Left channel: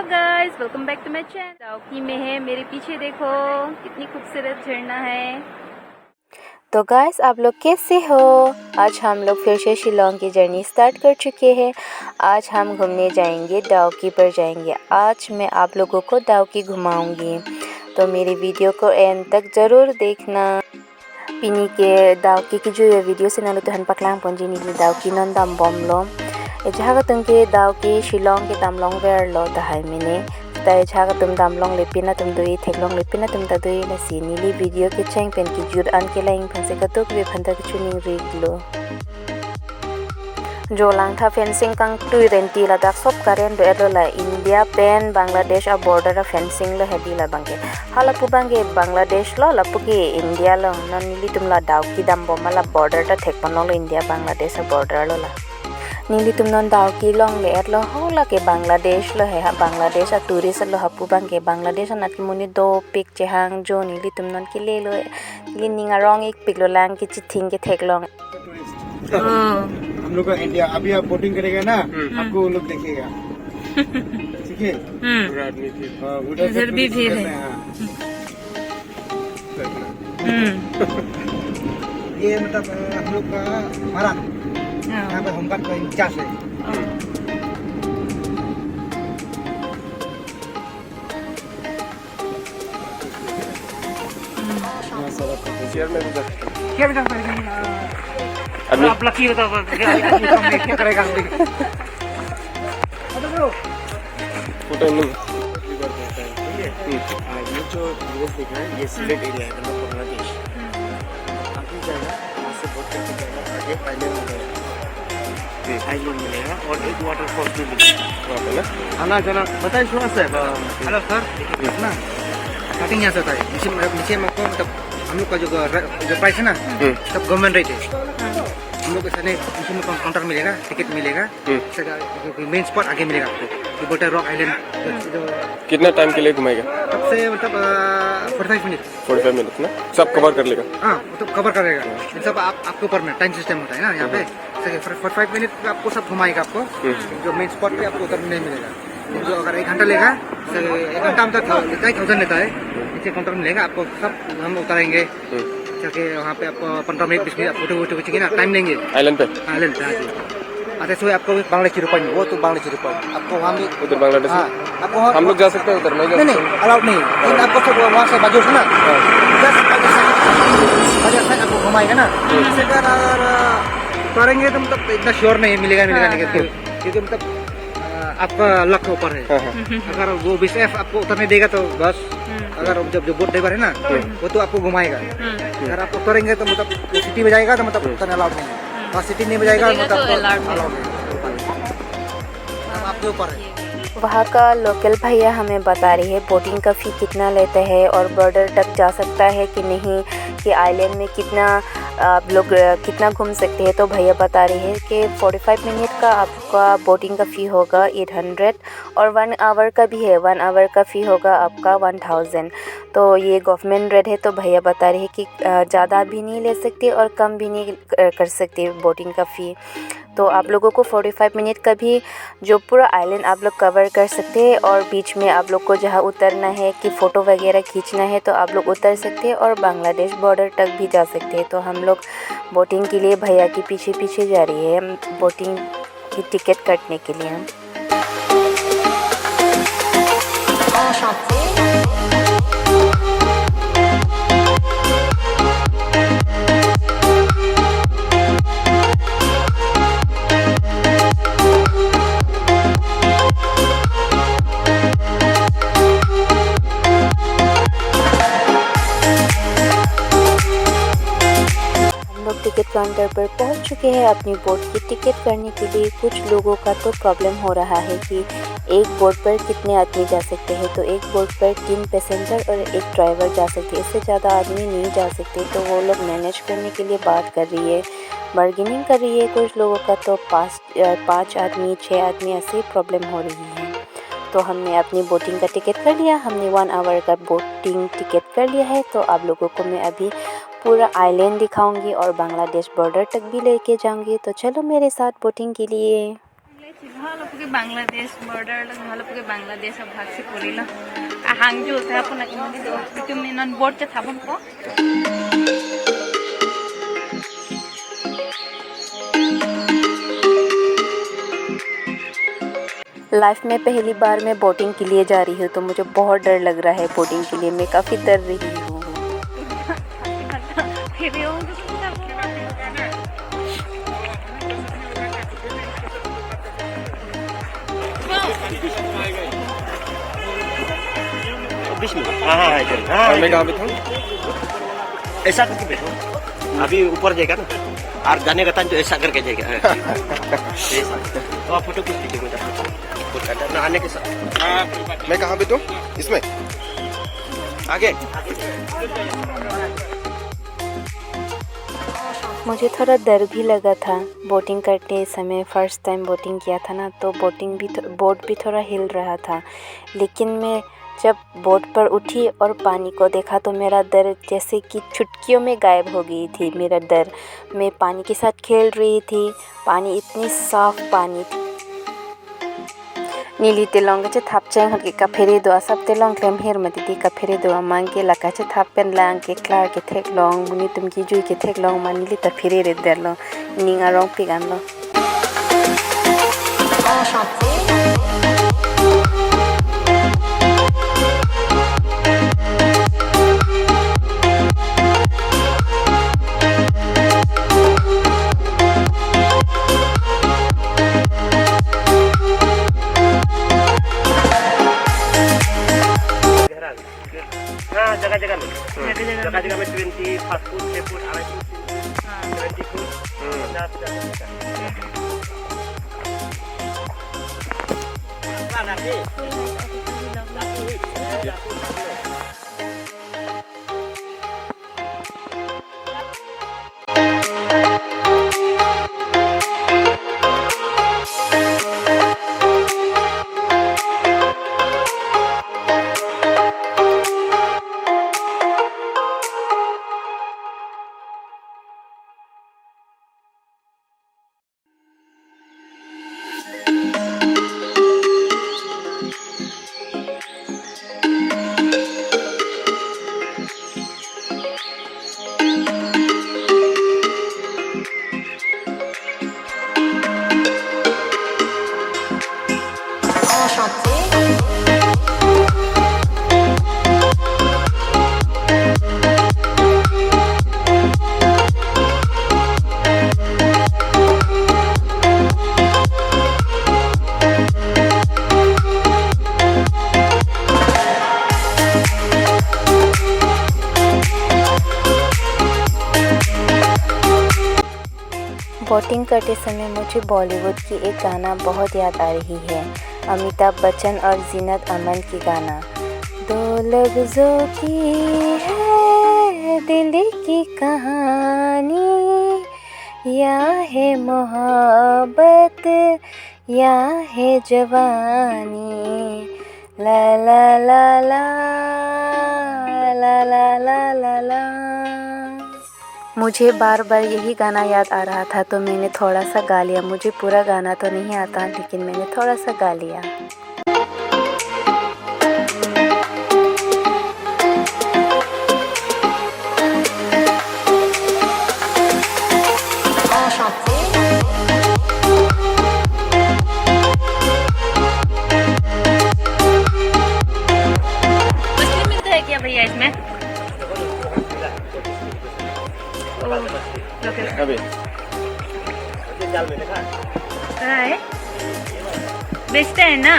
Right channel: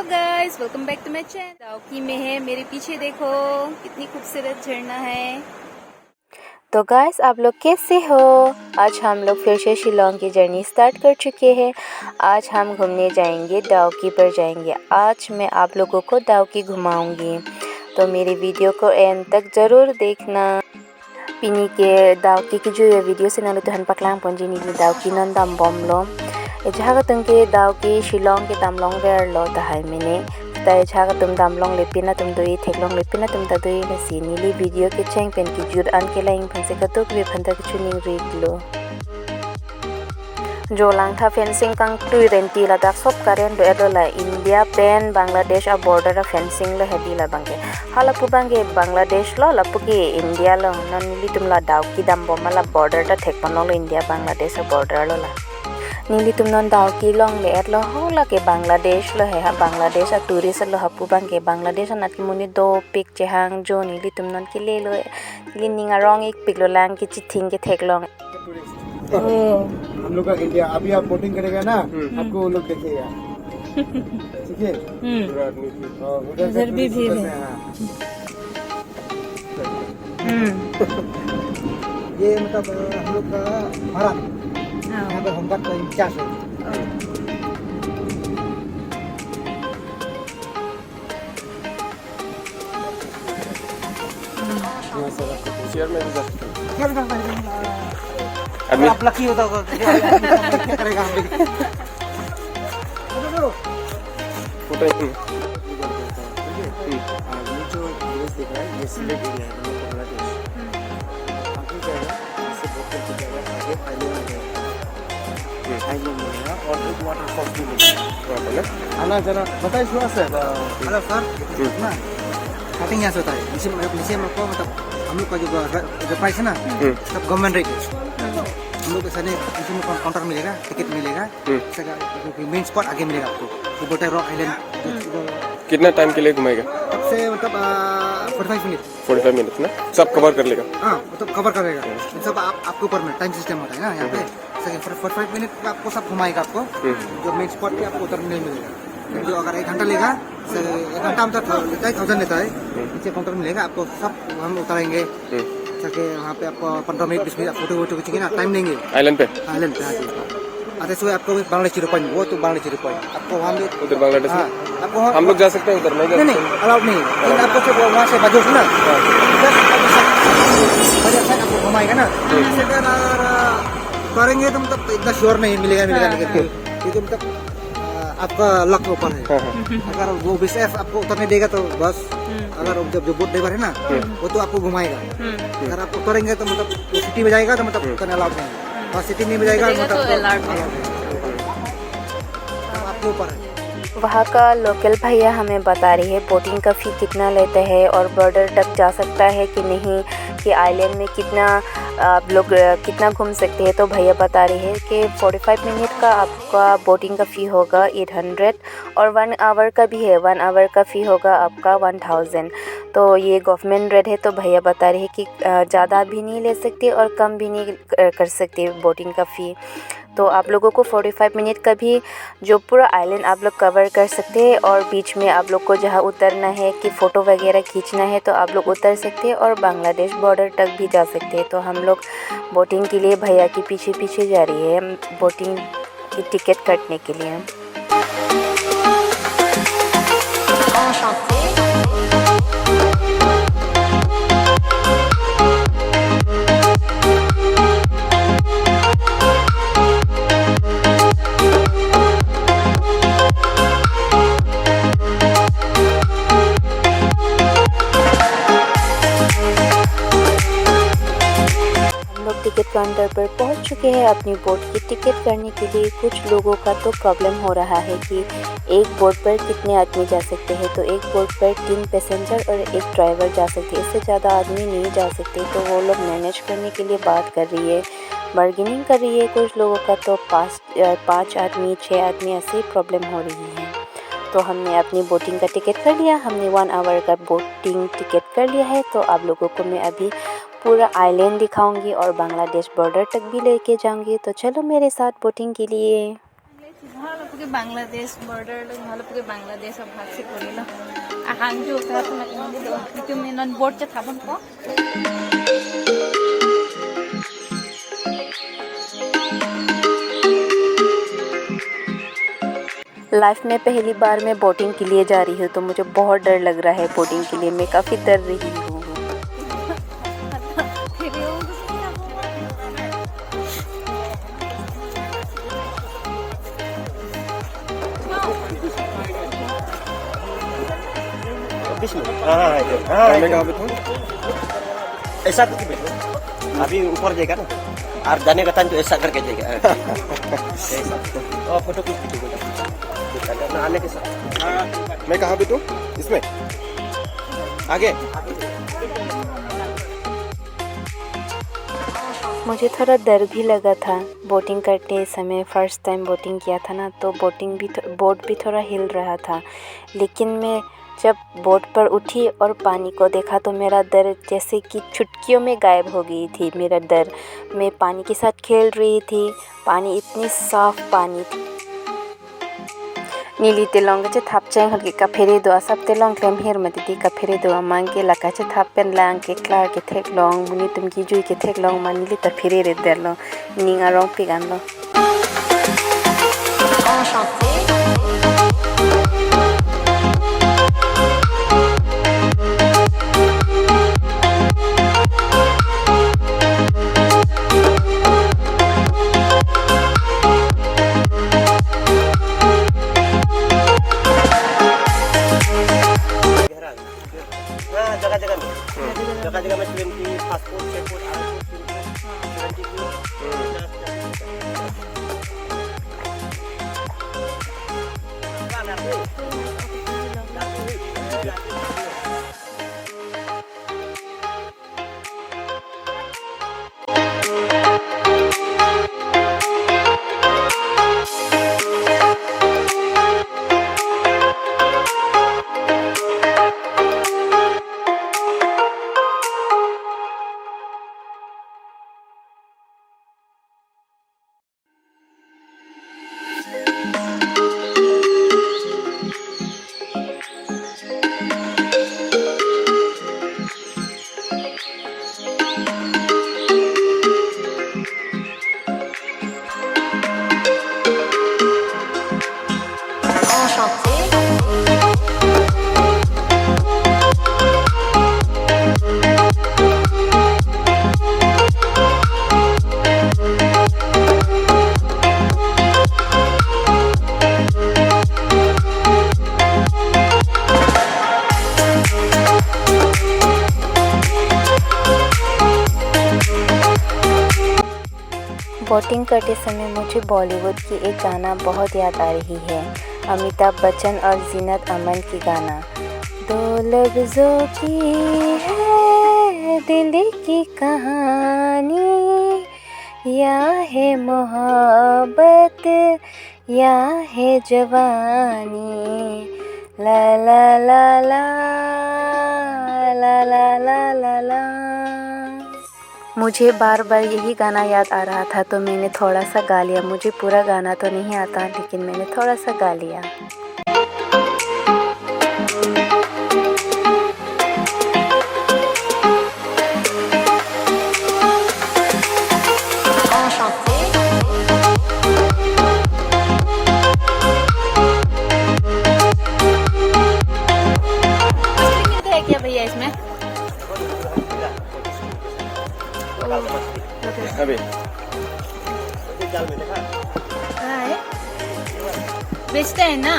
Hello guys, welcome back to my channel. Dawki में है, मेरे पीछे देखो कितनी खूबसूरत झरना है। तो गाइस, आप लोग कैसे हो? आज हम लोग फिर से शिलोंग की जर्नी स्टार्ट कर चुके हैं। आज हम घूमने जाएंगे, दाउकी पर जाएंगे। आज मैं आप लोगों को दाउकी घुमाऊंगी, तो मेरी वीडियो को एंड तक ज़रूर देखना। पिनी के दाउकी की जो ये वीडियो से नालो तो हन पकलांग पंजी नी दाउकी नन दाम बम लो जहाँ तुमके दाउकी शिलोंग के दामलोंग बेर लो तहाय मैंने ताई जहाँ तुम दामलोंग लेपिना तुम दुई थेकलोंग लेपिना तुम दुई लसी नीली वीडियो के चैंग पेन की जुर अन के लाइन फंसे कतुक वे फंता के चुनिंग रीड लो जो लांग था फेंसिंग कंग टू रेंटी लदाख सब करें दो एलो ला इंडिया पेन बांग्लादेश आ बॉर्डर फेंसिंग लो हेडी ला बंगे हाला पुबांगे बांग्लादेश लो लपुके इंडिया लो ननीली तुम ला दाउकी दाम बोमा ला बॉर्डर टा थेक पनो लो इंडिया बांग्लादेश आ बॉर्डर लो ला नीली तुम नन दाउकी लोंग ले एलो होला के बांग्लादेश लो है बांग्लादेश आ टूरिस्ट लो हपु बांगे बांग्लादेश नात की मुनी दो पिक चेहांग जो नीली तुम नन के ले लो नीली निंगा रोंग एक पिक लो लांग की चिथिंग के थेक लोंग हम लोग का इंडिया अभी आप बोटिंग करेगा ना आपको वो लोग देखेगा। ठीक है, उधर भी भीड़ है। ये मतलब हम लोग का हमारा यहाँ पे होमगार्ड का इंचार्ज है। क्या भी करता है आप लकी होता क्या करेगा फोटो नहीं ये जो विलेज दिख रहा है ये सिलेट एरिया है मतलब बांग्लादेश। आगे जाएगा वहाँ से बोट करके जाएगा आगे आइलैंड मिलेगा और एक वाटरफॉल भी मिलेगा। खाना जाना बताइए थोड़ा सा। हेलो सर ना स्टार्टिंग यहाँ से होता है नीचे में मतलब हम लोग का जो प्राइस है ना सब गवर्नमेंट रेट है। हम लोग ऐसा नहीं उसमें काउंटर मिलेगा टिकट मिलेगा मेन स्पॉट आगे मिलेगा आपको बोटे रॉक आइलैंड। कितना टाइम के लिए घुमाएगा? तब से मतलब 45 मिनट ना सब कवर कर लेगा। हाँ मतलब कवर करेगा सब आपको ऊपर में टाइम सिस्टम होता है ना यहाँ पे 45 मिनट में आपको सब घुमाएगा। आपको जो मेन स्पॉट पे आपको उतर नहीं मिलेगा। जो अगर 1 घंटा लेगा 1 घंटा मतलब 1000 लेता है नीचे काउंटर में लेगा आपको सब हम उतारेंगे ताकि वहाँ पे आपको 15 मिनट 20 मिनट फोटो वोटो खींचेंगे ना टाइम देंगे आइलैंड पे अच्छा सो आपको बांग्लादेशी रुपये वो तो बांग्लादेशी रुपये आपको वहाँ पे उधर बांग्लादेश में आपको हम लोग जा सकते हैं उधर नहीं अलाउड नहीं आपको वहाँ से बाजू ना आपको घुमाएगा ना करेंगे तो मतलब इतना श्योर नहीं मिलेगा क्योंकि मतलब आपका लक के ऊपर है। अगर वो BCF आपको उतरने देगा तो बस अगर जब जो बोट ड्राइवर है ना वो तो आपको घुमाएगा। अगर आप उतरेंगे तो मतलब सिटी में जाएगा तो मतलब उतरना अलाउड नहीं और सिटी नहीं में जाएगा मतलब आपके ऊपर है। वहाँ का लोकल भैया हमें बता रही है बोटिंग का फ़ी कितना लेते हैं और बॉर्डर तक जा सकता है कि नहीं, कि आइलैंड में कितना आप लोग कितना घूम सकते हैं। तो भैया बता रही है कि 45 मिनट का आपका बोटिंग का फ़ी होगा 800 और 1 आवर का भी है 1 आवर का फ़ी होगा आपका 1000। तो ये गवर्नमेंट रेट है। तो भैया बता रही है कि ज़्यादा भी नहीं ले सकते और कम भी नहीं कर सकते बोटिंग का फ़ी। तो आप लोगों को 45 मिनट का भी जो पूरा आइलैंड आप लोग कवर कर सकते हैं और बीच में आप लोग को जहाँ उतरना है कि फ़ोटो वगैरह खींचना है तो आप लोग उतर सकते हैं और बांग्लादेश बॉर्डर तक भी जा सकते हैं। तो हम लोग बोटिंग के लिए भैया के पीछे पीछे जा रही है बोटिंग की टिकट काटने के लिए। टिकट काउंटर पर पहुंच चुके हैं अपनी बोट की टिकट करने के लिए। कुछ लोगों का तो प्रॉब्लम हो रहा है कि एक बोट पर कितने आदमी जा सकते हैं। तो एक बोट पर 3 पैसेंजर और एक ड्राइवर जा सकते हैं, इससे ज़्यादा आदमी नहीं जा सकते। तो वो लोग मैनेज करने के लिए बात कर रही है, बार्गेनिंग कर रही है। कुछ लोगों का तो 5 आदमी 6 आदमी ऐसे प्रॉब्लम हो रही है। तो हमने अपनी बोटिंग का टिकट कर लिया, हमने 1 आवर का बोटिंग टिकट कर लिया है। तो आप लोगों को मैं अभी पूरा आइलैंड दिखाऊंगी और बांग्लादेश बॉर्डर तक भी लेके जाऊंगी। तो चलो मेरे साथ बोटिंग के लिए। Mahalapugi Bangladesh border mahalapugi Bangladesh bhagsi korilo ahangjo ta puna imani do itumi non board cha thabon ko life में पहली बार मैं बोटिंग के लिए जा रही हूँ तो मुझे बहुत डर लग रहा है। बोटिंग के लिए मैं काफ़ी डर रही हूँ। और मैं कहाँ पे था? ऐसा करके बैठो, अभी ऊपर जाएगा ना और जाने का टाइम तो ऐसा करके जाएगा। ऐसा और फोटो कुछ दिखेगा ना आने के साथ। मैं कहाँ पे तो? इसमें आगे। मुझे थोड़ा डर भी लगा था बोटिंग करते समय। फ़र्स्ट टाइम बोटिंग किया था ना, तो बोट भी थोड़ा हिल रहा था। लेकिन मैं जब बोट पर उठी और पानी को देखा तो मेरा डर जैसे कि चुटकियों में गायब हो गई थी। मेरा डर, मैं पानी के साथ खेल रही थी। पानी इतनी साफ़ पानी थी। नीली तेलोंग चे थाप चेंग हर के कफेरे दो सब तेलोंग क्लेम हेर मती का फेरे दो मांग के लका चे थाप पेन लांग के क्लार के थेक लोंग मुनी तुम की जुई के थेक लोंग मा नीली त फेरे रे दे लो निंगा रोंग पिगान लो। जगह में 20 5 foot 6 foot 8 foot 20 foot. Boating करते समय मुझे बॉलीवुड की एक गाना बहुत याद आ रही है, अमिताभ बच्चन और जीनत अमन की गाना। दो लफ्ज़ों की है दिल की कहानी, या है मोहब्बत या है जवानी, ला ला ला ला ला ला ला ला ला। मुझे बार बार यही गाना याद आ रहा था तो मैंने थोड़ा सा गा लिया। मुझे पूरा गाना तो नहीं आता लेकिन मैंने थोड़ा सा गा लिया। मिलता है क्या भैया इसमें? अभी जाल में देखा है बेचते हैं ना।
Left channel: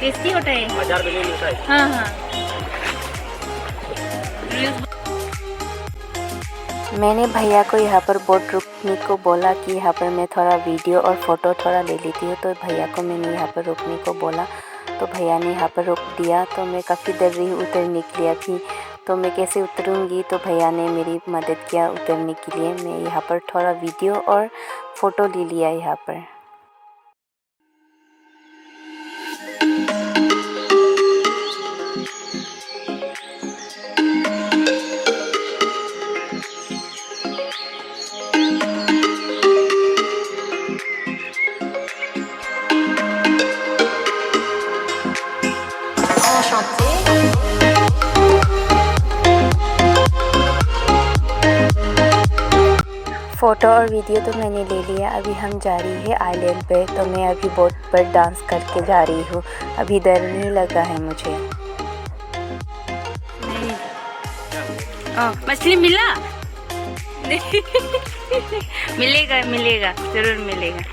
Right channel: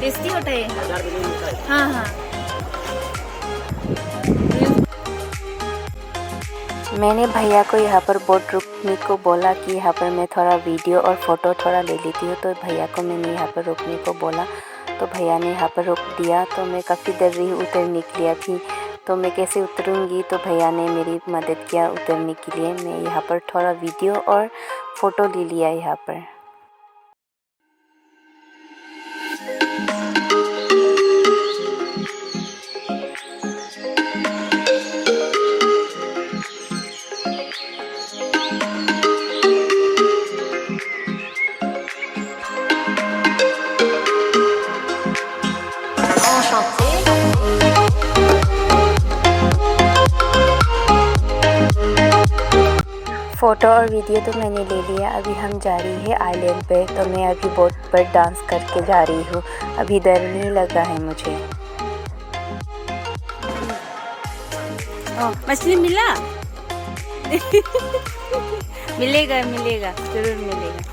टेस्टी होता है। बाजार में नहीं मिलता है। हाँ हाँ। मैंने भैया को यहाँ पर बोट रुकने को बोला कि यहाँ पर मैं थोड़ा वीडियो और फ़ोटो थोड़ा ले लेती हूँ। तो भैया को मैंने यहाँ पर रुकने को बोला तो भैया ने यहाँ पर रोक दिया। तो मैं काफ़ी डर रही उतरने के लिए। अभी तो मैं कैसे उतरूँगी, तो भैया ने मेरी मदद किया उतरने के लिए। मैं यहाँ पर थोड़ा वीडियो और फ़ोटो ले लिया यहाँ पर। फ़ोटो और वीडियो तो मैंने ले लिया। अभी हम जा रही है आइलैंड पे। तो मैं अभी बोट पर डांस करके जा रही हूँ। अभी डर नहीं लगा है मुझे। मछली मिला? मिलेगा मिलेगा, जरूर मिलेगा।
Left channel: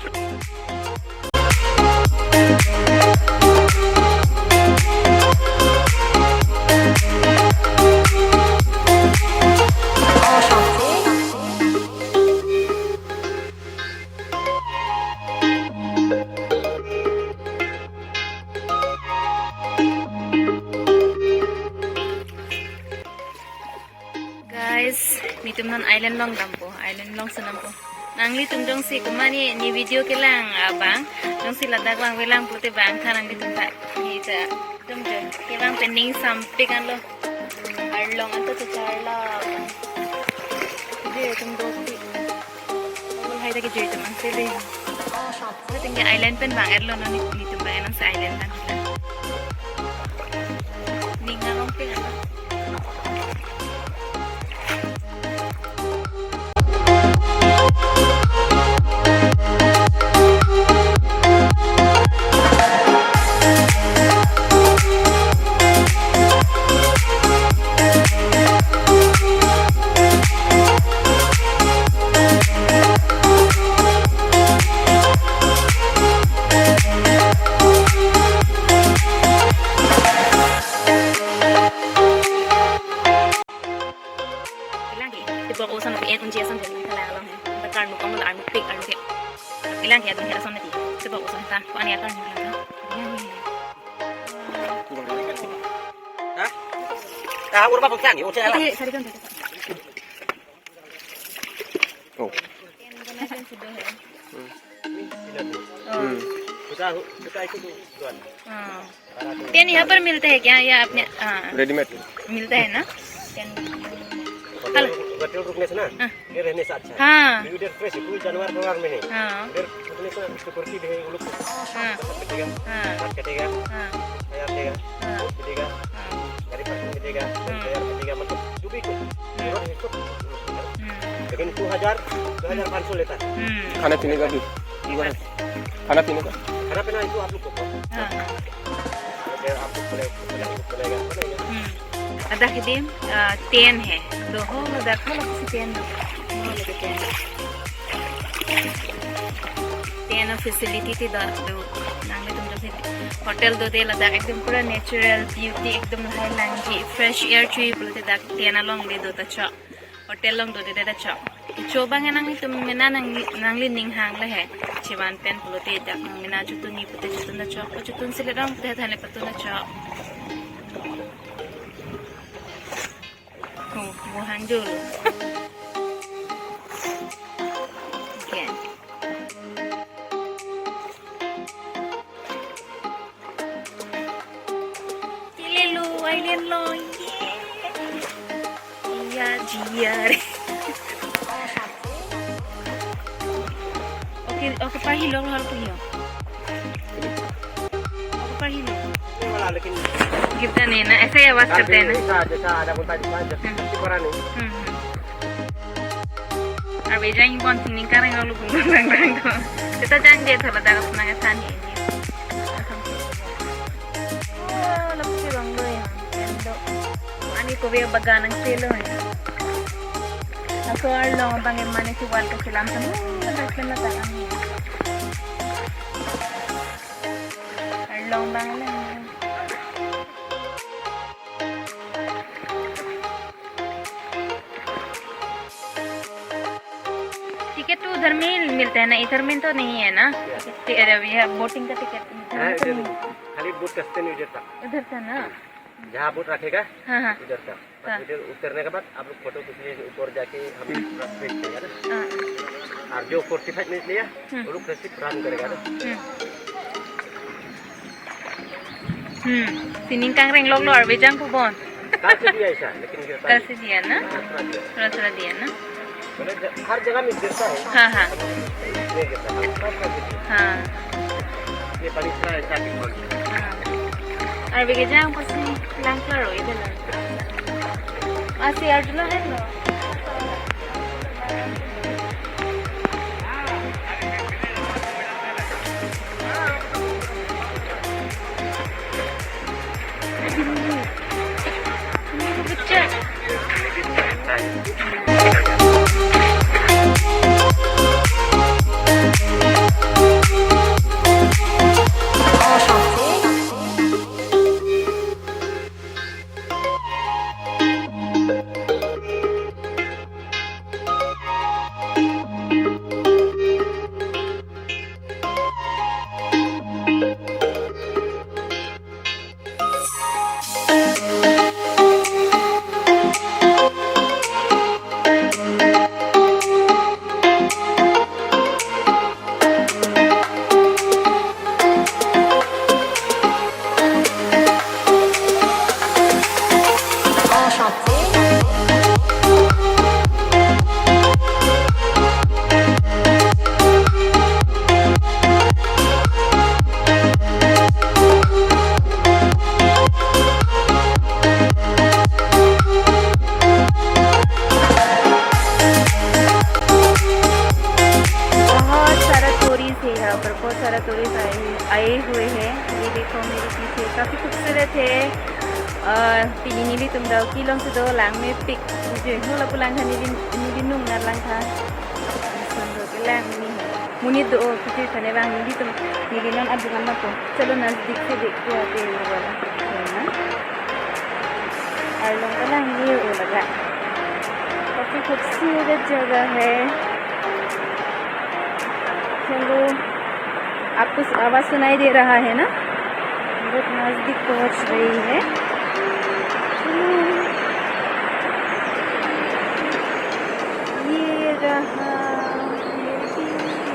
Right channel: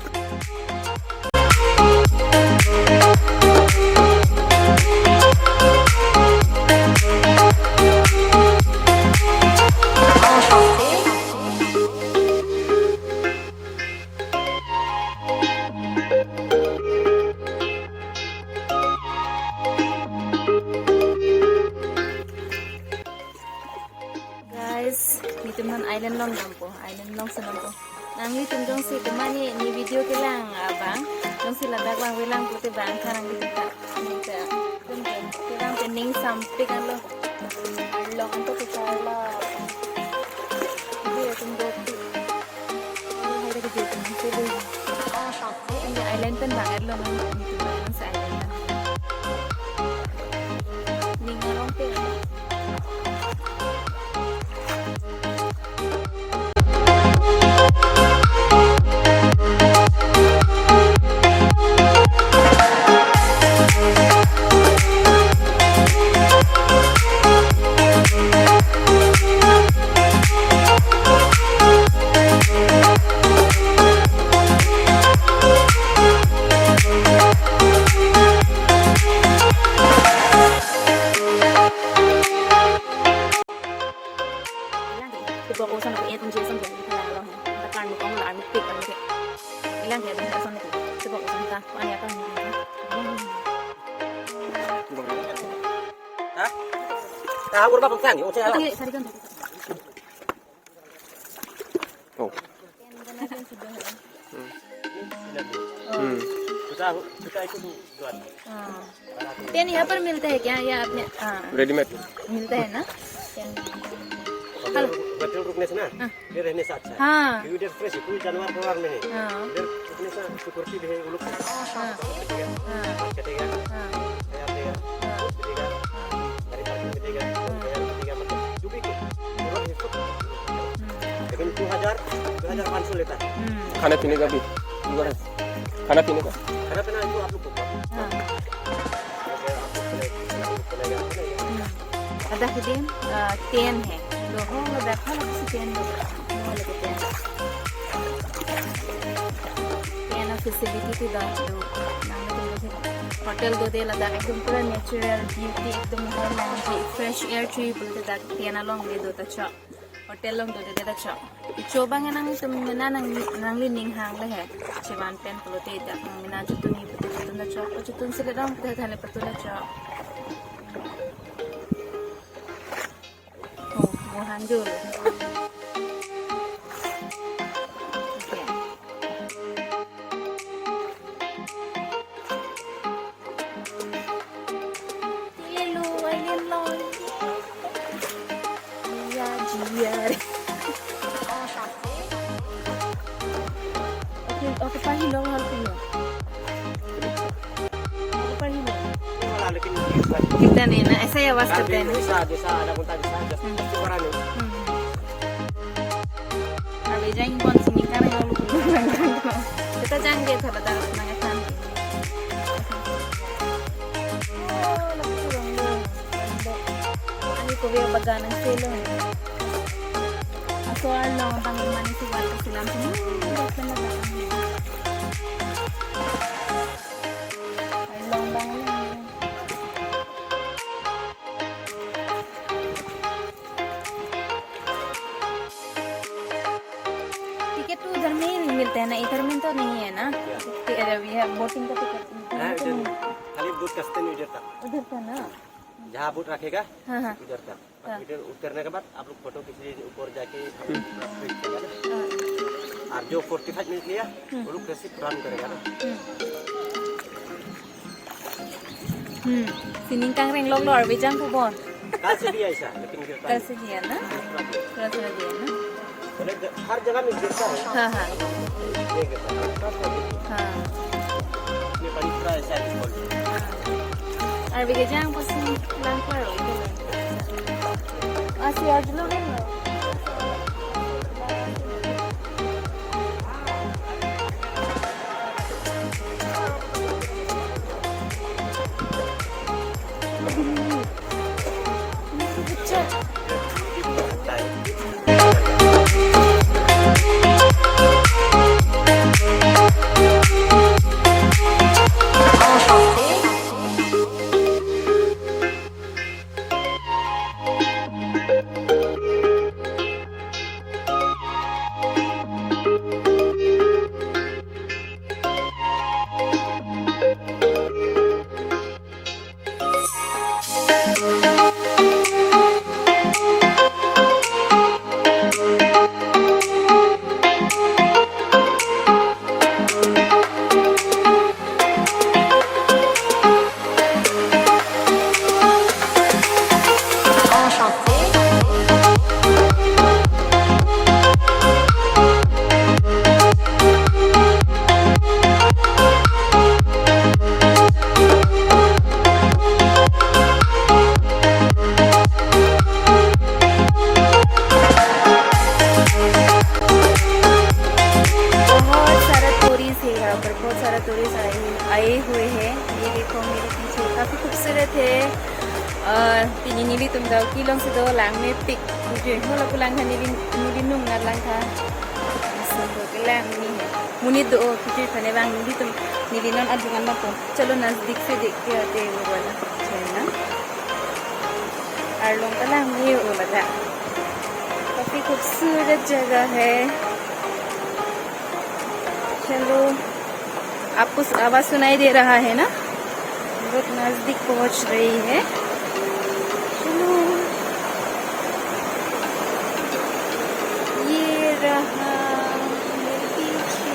Guys, ni teman island long dampo, island long senampo. Nangli tumjong si kumani ni video kelang abang, jong si ladak bang welang putih bang thanang di tempat ni ta tumjong kelang pending sampai kan lo. Arlong anto tu charla. Jadi tumjong si. Wal hai tak jadi teman si le. Tinggal island pen bang arlong ni tempat yang sa island kan. Ningalong pe. Dibawa ko sana kayak tunjuk sama jadi kalau orang takkan muka muka anu pik anu kayak bilang kayak tunjuk sama nanti dibawa ko sana kau ni akan bilang Tahu berapa pun sang, oke lah. sari kan Oh. Kita ikut duluan. Pen यहाँ पर मिलते हैं क्या या अपने readymade मिलता है ना पेन होटल रुकने से ना ये रहने से अच्छा हाँ इधर फ्रेश है कोई जानवर परिवार में नहीं हाँ इधर रुकने से सिक्योरिटी भी है वो लोग कटेगा हाँ कटेगा हाँ तैयार देगा देगा गाड़ी पार्किंग देगा तैयार देगा मतलब जो भी लेकिन 2500 लेता है खाने पीने का भी खाना पीने का तो आप लोग को हाँ आपको चलेगा ada kedim ten है doho ada kalau किसी ten ten facility थी दा दो नांगे तुम जो होटल दो दे लदा एकदम पूरा नेचुरल ब्यूटी एकदम high land fresh air tree बोलते दा ten along दे दो तचा होटल लोग दो दे तचा coba nganang itu mina nangli ning hang le है चिवान पेन बोलते दा mina jutun ni pute jutun दा चा jutun से ले रहा हूँ थाने पतु दा चा वो हंजो लो okay Aileen lo ya jiar oke pahilong hal puyo oke pahilong लेकिन कितना लेना ऐसे ही आवाज करते हैं ना जैसा ada pun tadi saja seperti orang ini अबे जाएंगे कौन सी निकाल रहे हैं लोग रंग तो kita jangan dia थोड़ा दाग semangat tani lapis orang lo endo ani ko biya baga ng selo ako arlo ang pangirmani si wal kasi lang sa daklan na daan arlo ang banglan ticket तो उधर में मिलता है ना इधर में तो नहीं है ना यह बोटिंग का टिकट खाली बोट कसते नहीं उधर था ना जहाँ बोट रखेगा हाँ हाँ इधर का इधर उतरने के बाद आप लोग फोटो खींचिए ऊपर जाके हम खींचेगा ना हाँ और जो 45 मिनट लिया वो लोग कैसे काम करेगा ना सिनिंग कांगरेंग लोग लो अरबी जांग को बोन कल से दिया ऐसा लेकिन कल से दिया ना थोड़ा दिया ना हर जगह में गिरता है हाँ हाँ हाँ ये पानी पूरा ऐसा Ar bigay jang po si lang klaro ito lang. Si Arjun na rin no. बहुत सारा टूरिस्ट आए हुए हैं। ये देखो मेरे पीछे काफ़ी खूबसूरत है। तिनी तुम दाव की लोग से दो लांग में पिक हो लगो लांग था नीली नुम ना लांग था सुंदर के लांग नहीं है मुनी दो कुछ खाने वांग नीली तुम नीली नाम अधुगन मत हो चलो नजदीक से देखते आते हुए वाला चलना और लोग का लांग ये हो लगा काफ़ी खूबसूरत जगह है। चलो आपको आवाज़ सुनाई दे रहा है ना, बहुत नज़दीक पहुंच रही है। ये रहा मेरे पीछे।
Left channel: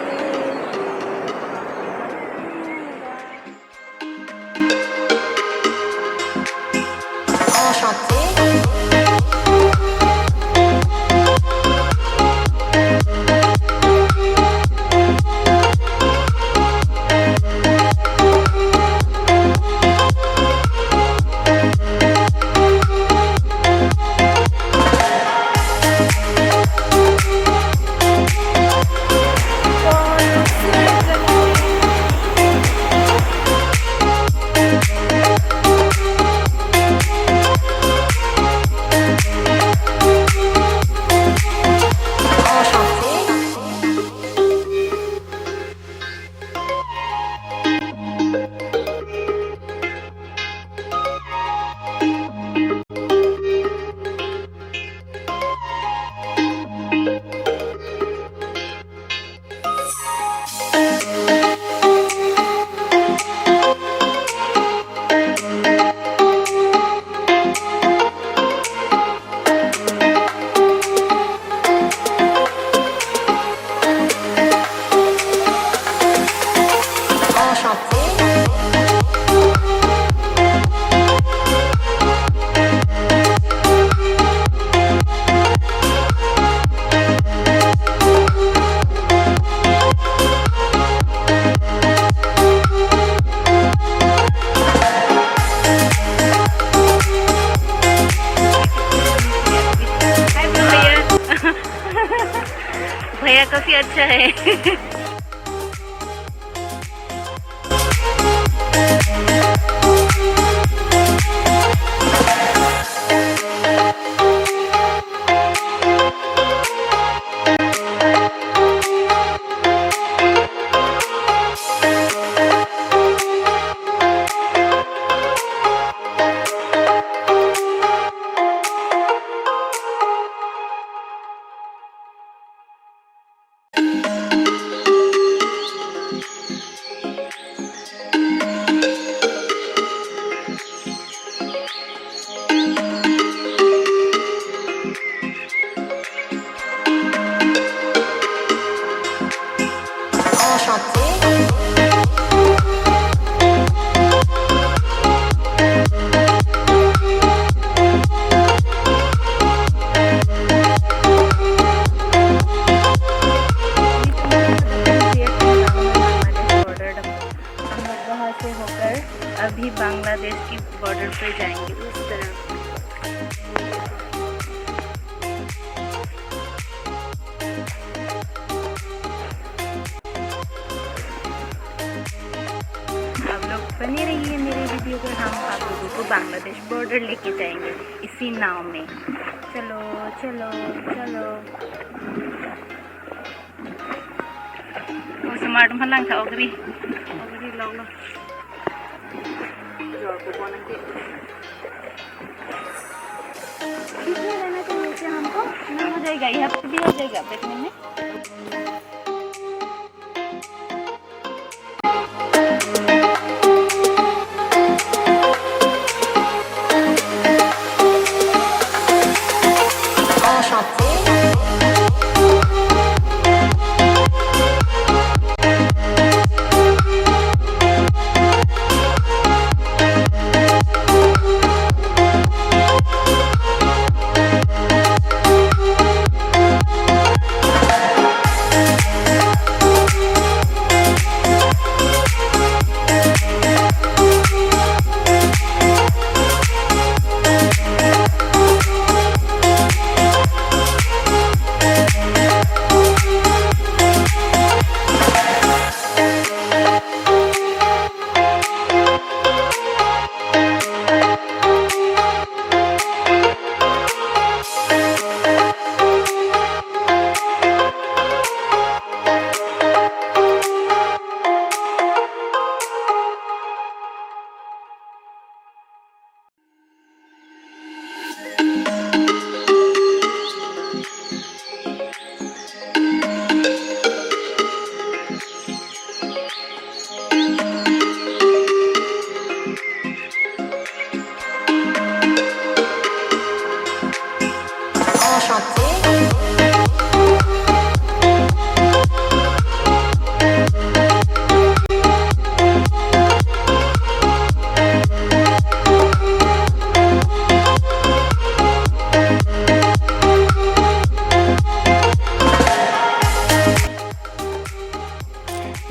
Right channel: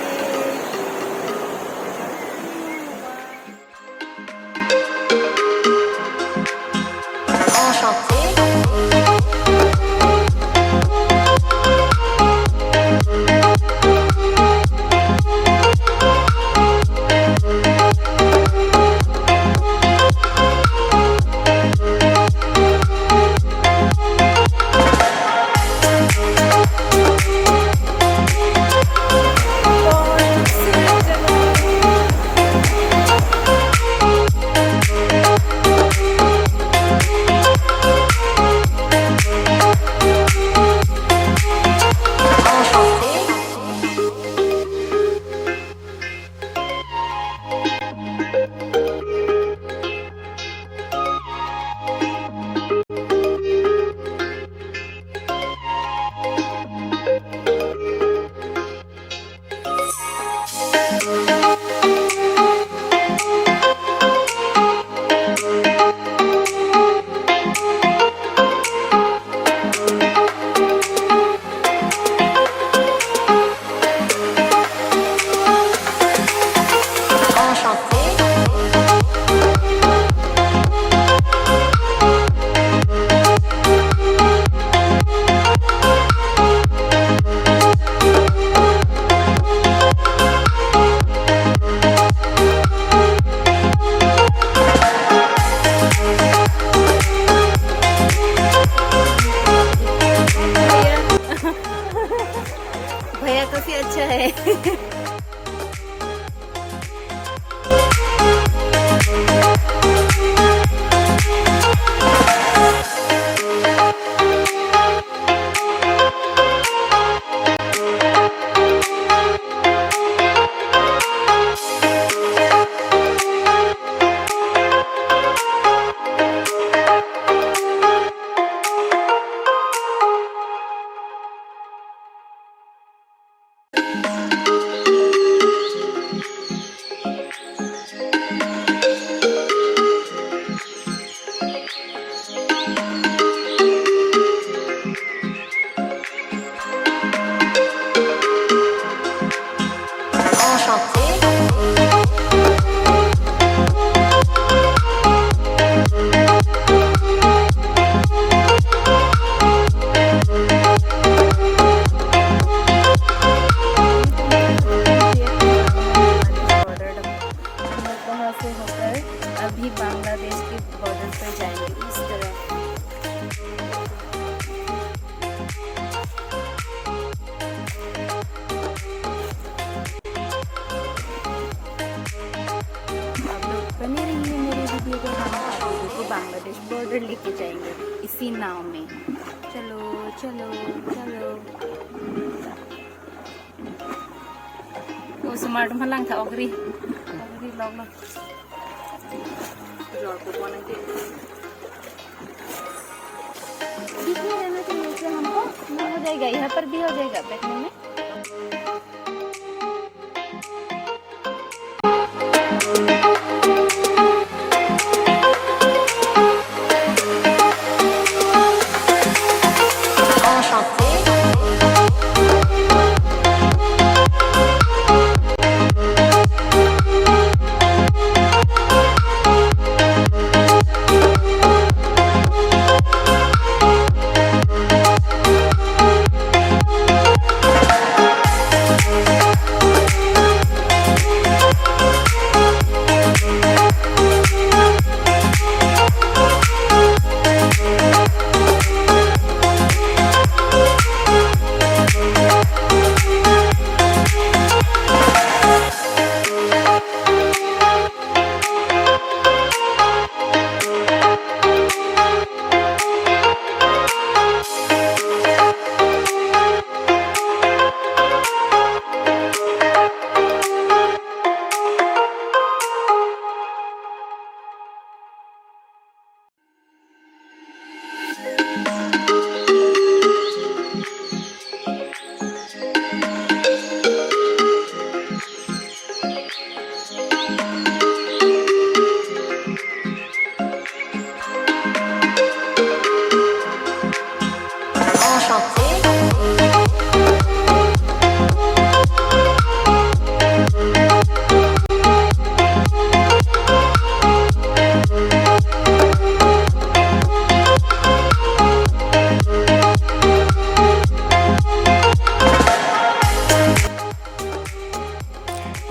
भैया काफी अच्छा है। बांग्लादेश बॉर्डर लेके जाएंगे इसी नाव में। चलो चलो चलो। ओ स्मार्ट भलांग था ओगरी लोग लो। दिखने रहना तो नीचे हमको ना हो जाएगा, यहाँ पर भी हो जाएगा बैठने में।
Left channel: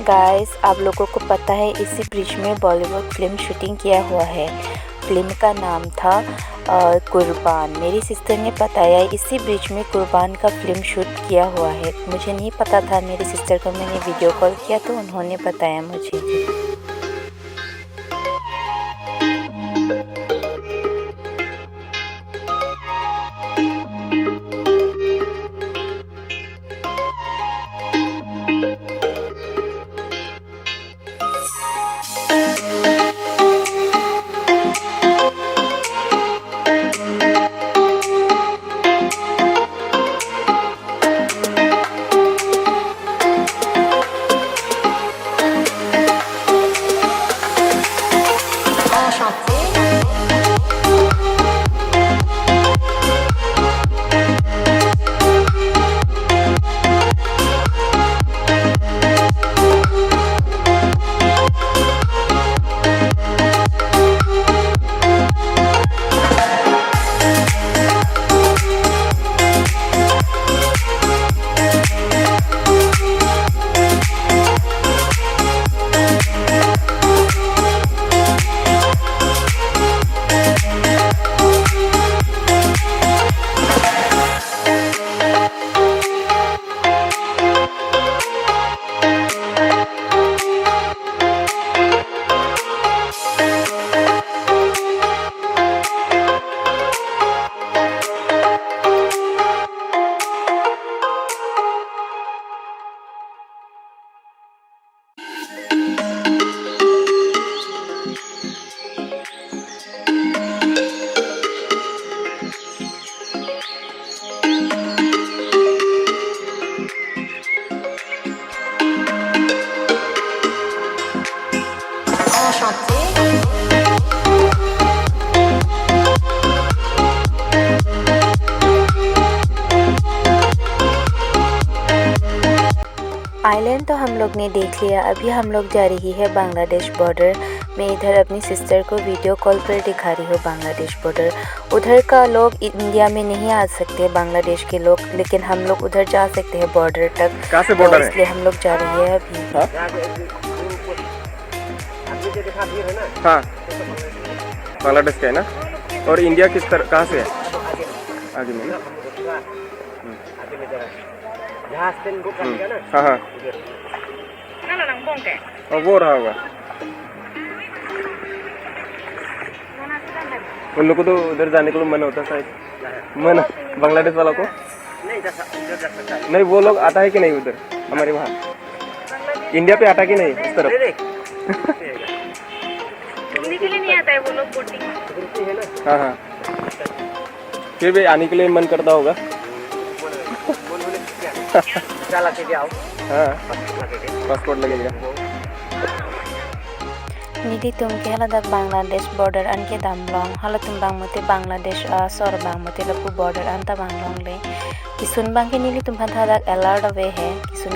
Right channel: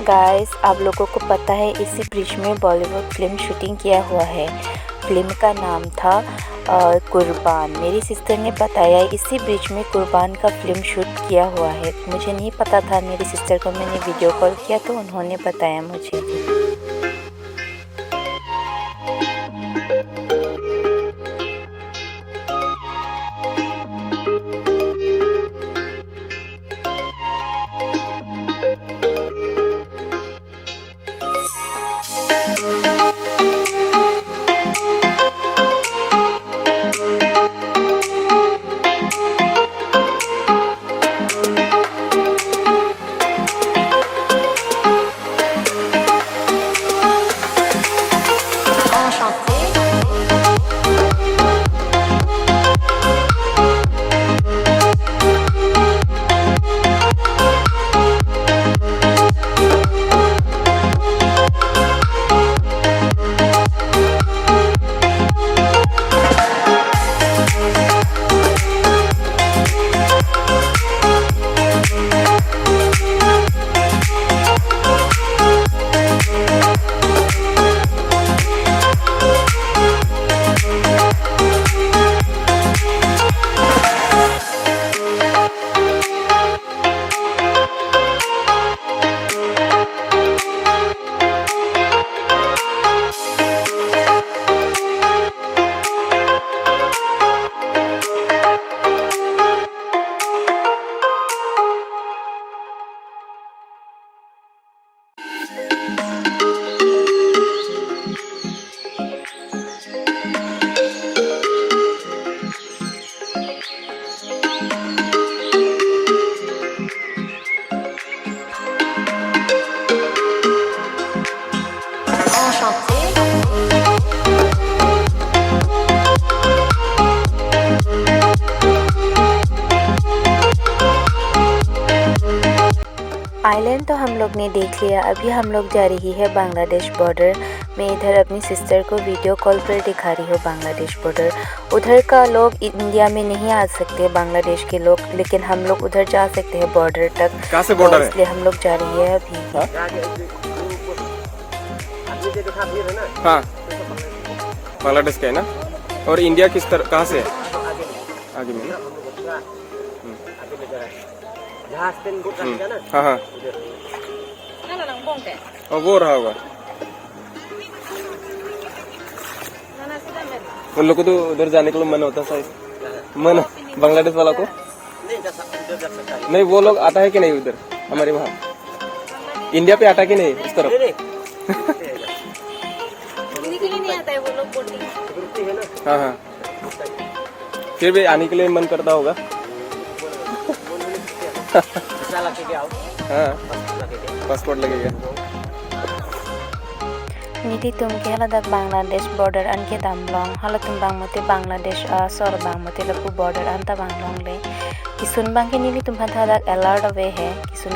गाइस, आप लोगों को पता है इसी ब्रिज में बॉलीवुड फिल्म शूटिंग किया हुआ है। फिल्म का नाम था कुर्बान। मेरी सिस्टर ने बताया इसी ब्रिज में कुर्बान का फिल्म शूट किया हुआ है। मुझे नहीं पता था, मेरी सिस्टर को मैंने वीडियो कॉल किया तो उन्होंने बताया मुझे। आइलैंड तो हम लोग ने देख लिया। अभी हम लोग जा रही है बांग्लादेश बॉर्डर। मैं इधर अपनी सिस्टर को वीडियो कॉल पर दिखा रही हूँ बांग्लादेश बॉर्डर। उधर का लोग इंडिया में नहीं आ सकते, बांग्लादेश के लोग, लेकिन हम लोग उधर जा सकते हैं बॉर्डर तक। कहाँ से बॉर्डर है? इसलिए हम लोग जा रही है अभी। हाँ, बांग्लादेश का है ना। और इंडिया किस तरह कहाँ से है? आगे में ना। हाँ हाँ, और वो रहा होगा। उन लोग को तो उधर जाने के लिए मन होता है शायद, मन बांग्लादेश वाला को नहीं जा सकता है। नहीं, वो लोग आता है कि नहीं उधर हमारे वहाँ, इंडिया पे आता कि नहीं उस तरफ? घूमने के लिए नहीं आता है वो लोग बोटिंग। है ना। हाँ हाँ, फिर भी आने के लिए मन करता होगा। क्या लगे क्या हाँ, पासपोर्ट लगेगा। Nidi tum ke haladak Bangladesh border an ke damlong halatum bang mote Bangladesh sor bang mote lapu border anta banglong le kisun bang ke nili tum haladak alert away hai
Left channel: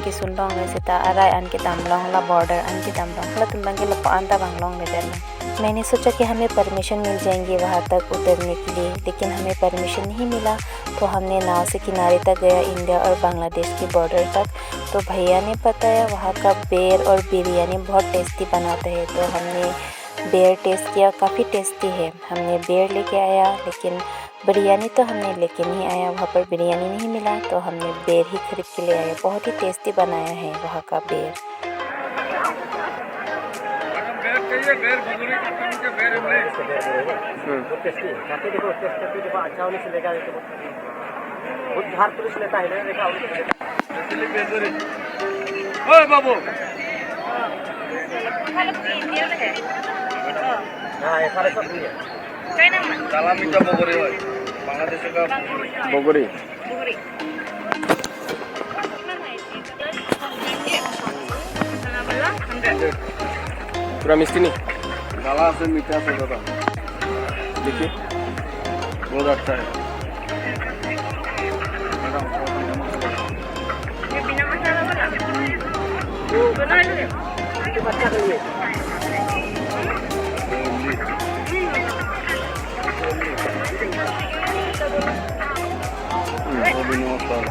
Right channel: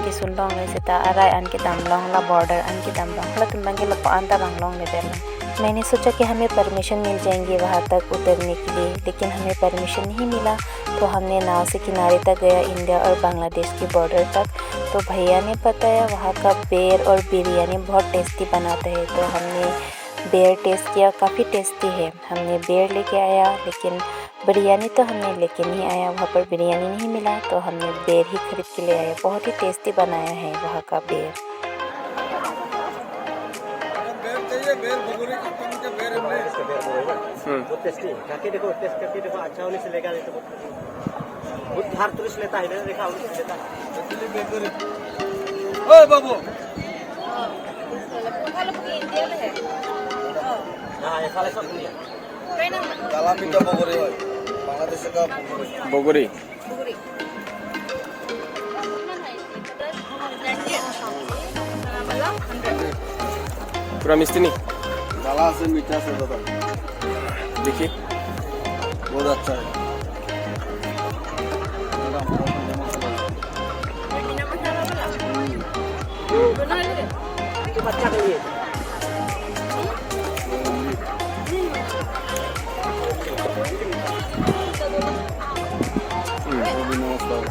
kisun long le sita arai an ke damlong la border an ke damlong halatum bang ke lapu anta banglong le derlo। मैंने सोचा कि हमें permission मिल जाएंगी वहाँ तक उतरने के लिए, लेकिन हमें परमिशन नहीं मिला। तो हमने नाव से किनारे तक गया, इंडिया और बांग्लादेश के बॉर्डर तक। तो भैया ने बताया वहाँ का बेर और बिरयानी बहुत टेस्टी बनाते हैं। तो हमने बेर टेस्ट किया, काफ़ी टेस्टी है। हमने बेर लेके आया, लेकिन बिरयानी तो हमने लेके नहीं आया, वहाँ पर बिरयानी नहीं मिला। तो हमने बेर ही खरीद के ले आया। बहुत ही टेस्टी बनाया है वहाँ का बेर। बहुत टेस्टी है। खाते देखो, टेस्ट करके देखो, अच्छा होने से लेगा। बहुत बाहर टूरिस्ट लेता है ना, देखा होने से लेता है। ओए बाबू, इंडिया में है। हाँ ये सारे सब इंडिया। काला मीठा बगरी है बांग्लादेश का बोगरी। बुगरी। पूरा मिस्टी नहीं, काला से मीठा से ज़्यादा देखिए बहुत अच्छा है। बिना मसाला वाला बना ले। ये बच्चा के लिए वो भी नमस्कार।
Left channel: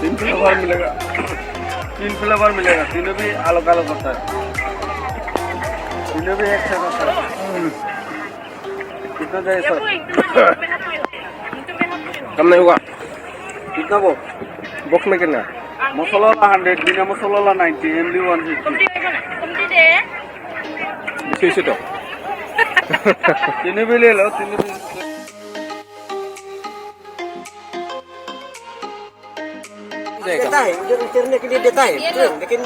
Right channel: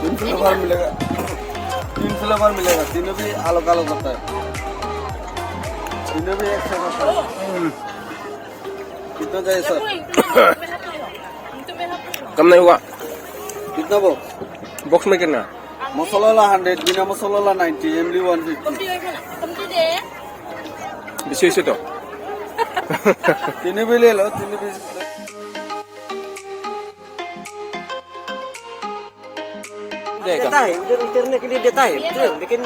3 फ्लेवर मिलेगा, 3 फ्लेवर मिलेगा, तीनों भी अलग अलग होता है, तीनों भी एक से होता है। कितना चाहिए सर? कम नहीं होगा। कितना वो बॉक्स में कितना? मसाला वाला 100, बिना मसाला वाला 90, इमली 150। इसी तो तीनों भी ले लो, तीनों भी। देता है, उधर उतरने के लिए देता है, लेकिन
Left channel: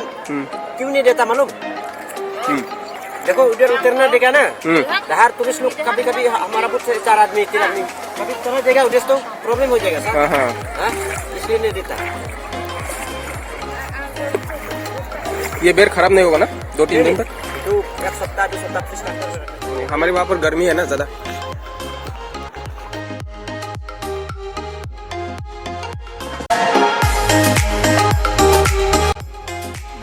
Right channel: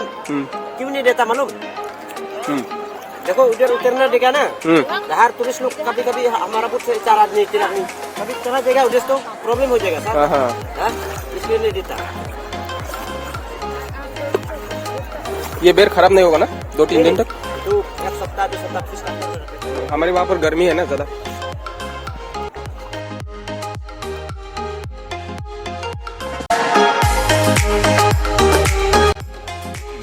क्यों नहीं देता मालूम? देखो उधर उतरना देगा ना, बाहर टूरिस्ट लोग कभी कभी हमारा बहुत 4 आदमी 3 आदमी कभी चला जाएगा, उधर तो प्रॉब्लम हो जाएगा सर। हाँ, इसलिए नहीं देता। ये बेर खराब नहीं होगा ना 2-3 दिन तक? तो 1 सप्ताह 2 सप्ताह फ्रिज करके रखते हैं। हमारे वहाँ पर गर्मी है ना ज़्यादा।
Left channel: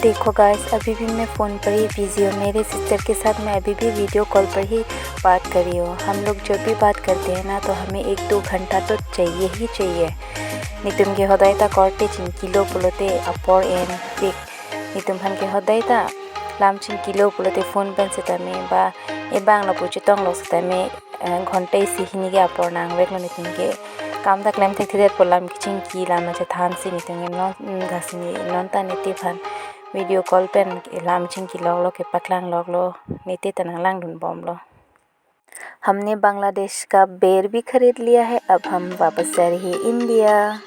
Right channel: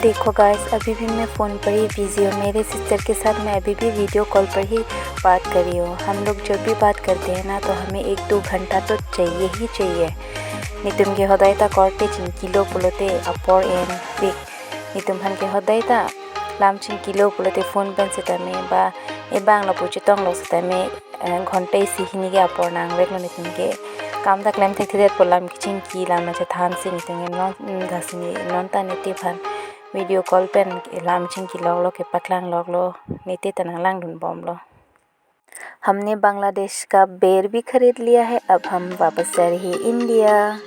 देखो गाइस, अभी भी मैं फ़ोन पर ही बिज़ी हूँ। मेरे सिस्टर के साथ मैं अभी भी वीडियो कॉल पर ही बात कर रही हूँ। हम लोग जब भी बात करते हैं ना, तो हमें 1-2 घंटा तो चाहिए ही चाहिए। नितुम के हदाय ता करते चिन किलो पुलोते अपर एन पिक नितुम हन के हदाय ता लामचिन किलो पुलोते फोन पेन से तमे बा ए बांगला पुचे तंग लो से तमे घंटे सिहिनी के अपर नांग वेकलो नितुम के काम दा क्लेम थे थे पोलाम किचिन की लाम से थान से नितुम के नॉन घासिनी नॉन ता नीति भान वीडियो कॉल पेन लामचिन की लोग के पकलांग लोग लो नीति तना लांग ढूंढ बॉम लो। हमने बांग्लादेश का बेर भी खरीद लिया है। अब हम वापस जा रहे हैं इंडिया।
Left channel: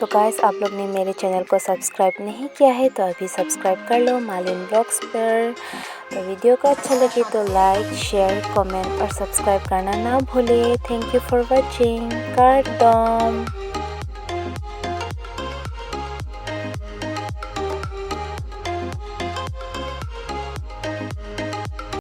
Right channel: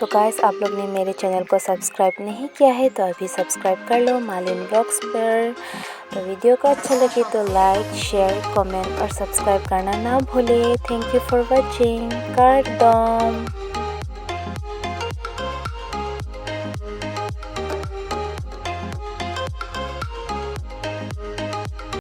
तो गाइस, आप लोग ने मेरे चैनल को सब्सक्राइब नहीं किया है तो अभी सब्सक्राइब कर लो मालिन ब्लॉग्स पर। तो वीडियो को अच्छा लगे तो लाइक, शेयर, कमेंट और सब्सक्राइब करना ना भूले। Thank you for watching. कार्डम।